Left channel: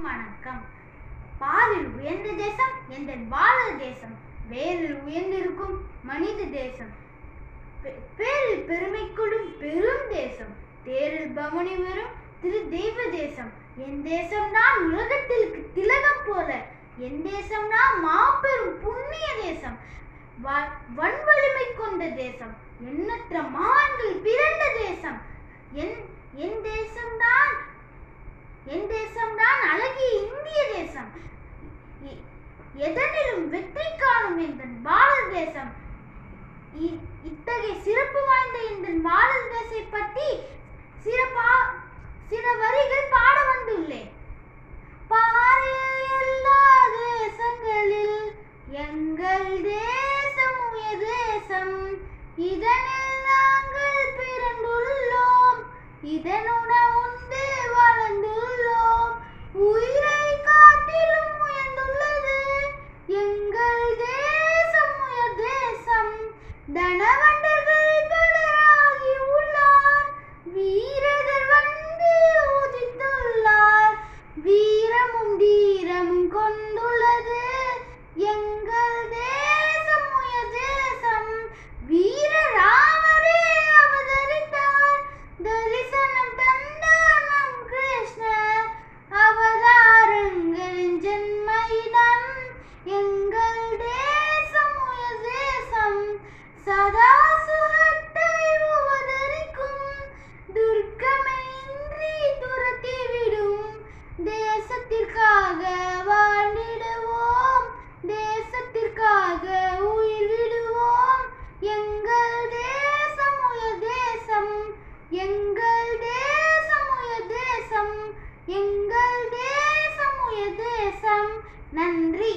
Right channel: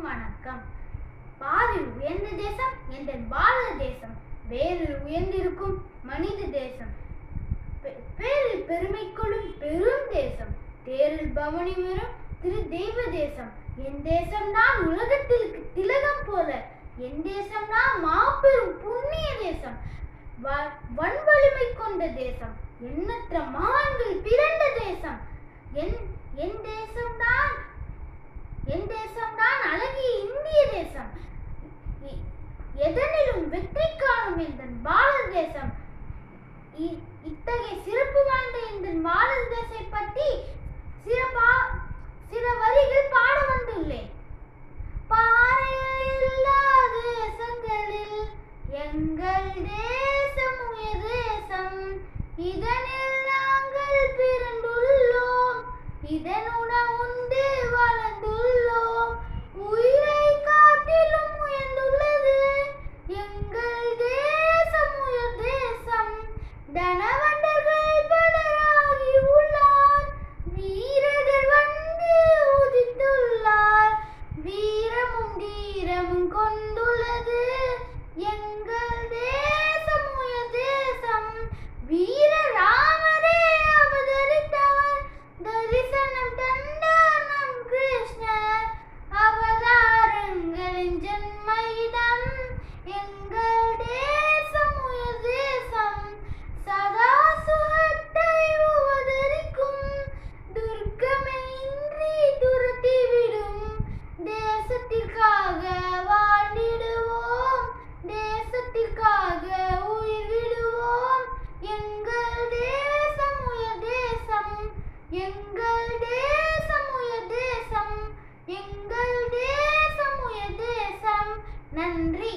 வணக்கம். பாரில் உயர்ந்த தேசம் எங்கள் பாரத தேசம், வேரில் உயர்ந்திருக்கும் மனித தேசம், பேரில் பெருமை கொள்ளும் பெரும் தேசம், தேரில் பவனி வரும் திரு தெய்வ தேசம். என் தேசம்தான் உலகத்திற்கு திலகம் போல, என் தேசம்தான் மாபெரும் புண்ணிய தேசம், வன்வலிமை கொண்ட தேசம், எண்ணற்ற மகான்கள் பிறந்த தேசம். என் தேசம்தான் அழகிய இந்திய தேசம், எதனிலும் வெற்றி காணும் எங்கள் பாரத தேசம். இத்தகைய சிறப்பு வாய்ந்த எங்கள் பாரத தேசத்தை பற்றி சில வரிகள் பாட வந்துள்ளேன். பாரில் எல்லா தேசங்களில் எங்கள் தேசம் உயர் தேசம், இதனில் நாங்கள் பிறந்துள்ளோம், இதனுடன் உண்டு வளர்ந்துள்ளோம், உயிரை காட்டிலும் உயர்ந்துள்ளது எங்கள் தேசம் உயர் தேசம். தனவந்தர்கள் பலராகி உள்ளார், வீரர்கள் வந்து உதித்துள்ளார், வீரமும் தீரமும் கொண்டுள்ளது எங்கள் தேசம் உயர் தேசம். வீர ராமரே அவதரித்தார், தரிசனம் தந்தார் நம் கிருஷ்ணர், அவதாரங்களின் ஜென்மயிடம் எங்கள் தேசம் உயர் தேசம். சதா சுகத்தை உபதரிக்கும் துர்க்கமே இன்றி துரத்திவிடும், தேசத்திற்காக வாழ்ந்திடுவோம், தேசத்திற்காக உயிர் விடுவோம் எங்கள் தேசம் உயர் தேசம், எங்கள் தேசம் உயர் தேசம், எங்கள் தேசம் உயர் தேசம். நன்றி.